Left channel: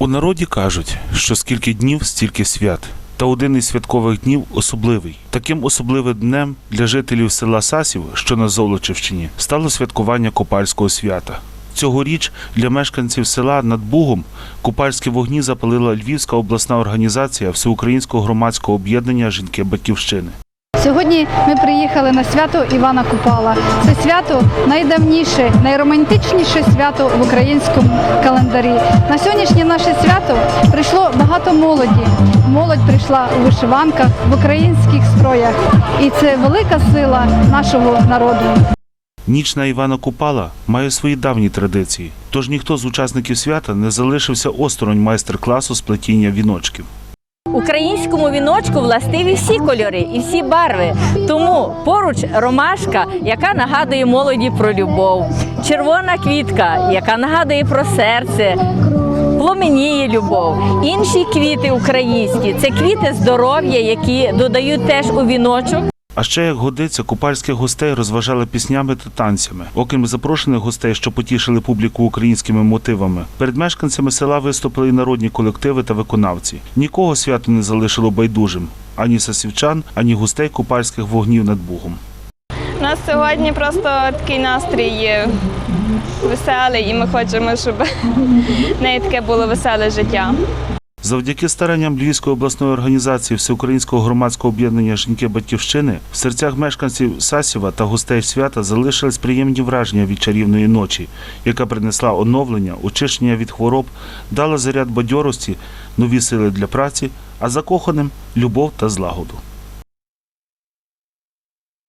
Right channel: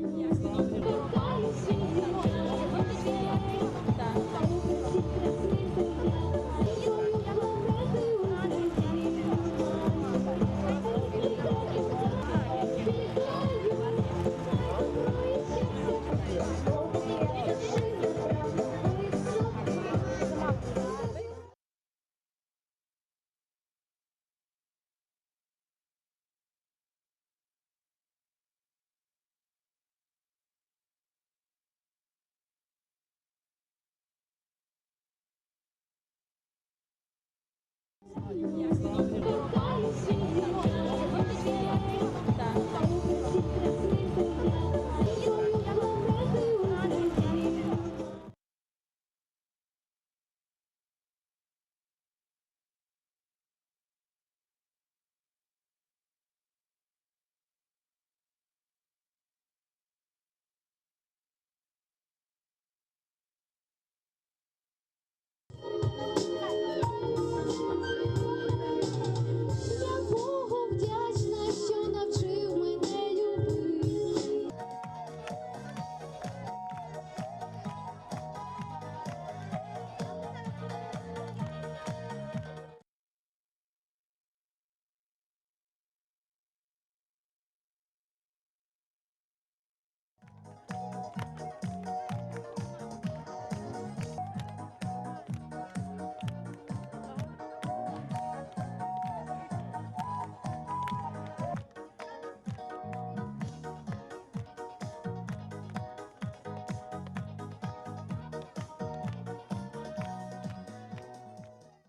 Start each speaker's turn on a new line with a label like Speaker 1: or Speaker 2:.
Speaker 1: У народі кажуть, що скільки днів, стільки свят. Та один із святкових днів особливий. Таким особливим днем для жителів села Сасів, що на Золочівщині, стало святкування Купальського свята. Цьогоріч для мешканців села над Бугом купальські вогні запалила Львівська обласна організація Всеукраїнського громадського об'єднання Жінки Батьківщини.
Speaker 2: Сьогодні ми приїхали на свято Івана Купала. Це свято найдавніше, найромантичніше свято в українському календарі. На сьогоднішнє наше свято прийшло багато молоді. Молодь прийшла у вишиванках, в українських строях. І це велика сила нашого народу.
Speaker 1: Ніч на Івана Купала має свої давні традиції, тож ніхто з учасників свята не залишився осторонь майстер-класу з плетіння віночків.
Speaker 3: Українському віночку властиві всі кольори і всі барви. Тому поруч ромашка, яка нагадує молоді про любов, червона квітка, яка нагадує про серце. Пломеніє любов. Інші квіти українські це квіти здоров'я, які додають теж у віночок.
Speaker 1: А ще як годиться, купальських гостей розважали піснями та танцями. Окрім запрошених гостей, що потішили публіку українськими мотивами, перед мешканцями села виступили і народні колективи та виконавці. Нікого свято не залишило байдужим ані сасівчан, ані гостей купальських вогнів над Бугом.
Speaker 4: Нас сьогодні просто такий настрій веселий, і ми хочемо, щоб в неї таке було веселе життя.
Speaker 1: Завдяки старанням Львівської обласної організації Всеукраїнського громадського об'єднання Жінки Батьківщини в серцях мешканців Сасіва та гостей свята залишились приємні враження від чарівної ночі, яка принесла оновлення, очищення від хвороб, дала заряд бадьорості, нові сили для праці, а закоханим любов та злагоду.